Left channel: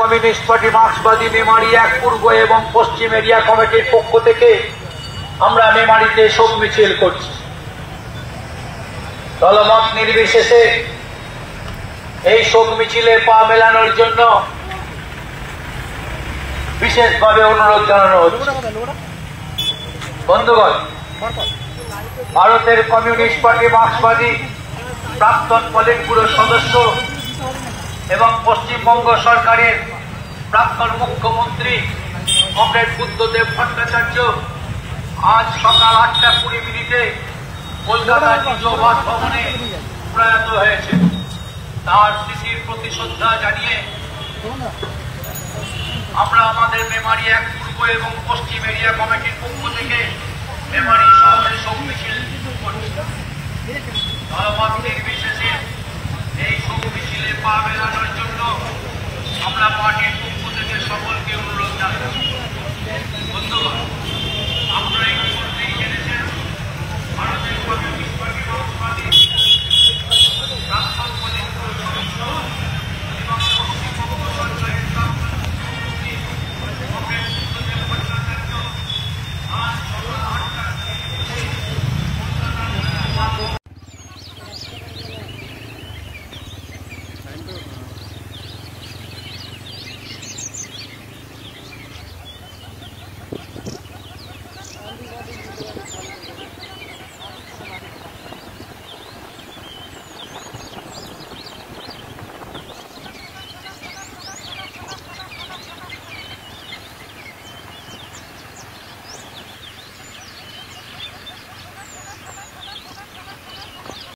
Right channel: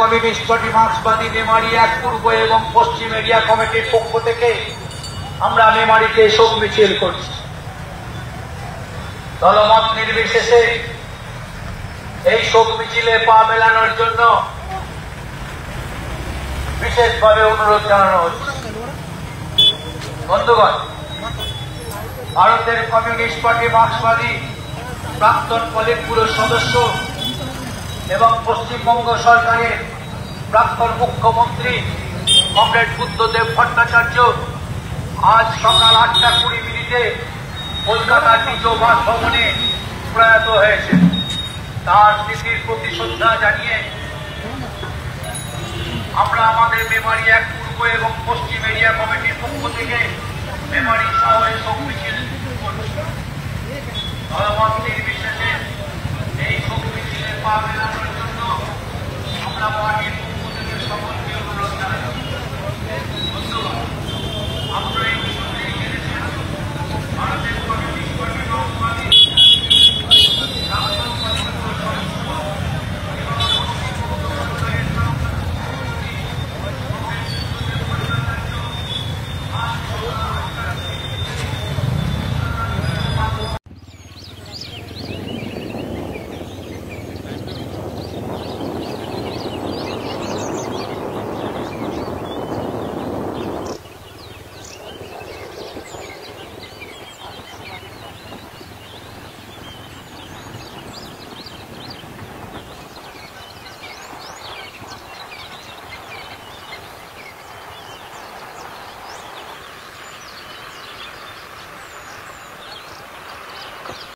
Communist party মার্ক্সবাদী Memari এক পূর্ব এবং পশ্চিম area কমিটির পক্ষ থেকে আমরা মেমারিতে শোক মিছিল করছি। দলমত নির্বিশেষে এই শোক মিছিলের পা মেলানোর জন্য বিশেষভাবে অনুরোধ জানানো হচ্ছে। বন্ধুগণ, ভারতের কমিউনিস্ট পার্টি মার্ক্সবাদী প্রাক্তন পলিট ব্যুরো সদস্য এবং পশ্চিমবঙ্গ সরকারের প্রাক্তন মুখ্যমন্ত্রী কমরেড বুদ্ধদেব ভট্টাচার্য আজ সকাল 8:20 কলকাতার নিজ বাসভবনে প্রয়াত হয়েছে। তার স্মৃতির প্রতি শ্রদ্ধা জানিয়ে আমরা আমাদের মেমারি এক পূর্ব এবং পশ্চিম এরিয়া কমিটির পক্ষ থেকে মেমারি শহরে শোক মিছিল করছি। দলমত নির্বিশেষে এই শোক মিছিলে পা মেলানোর জন্য আমরা পার্টির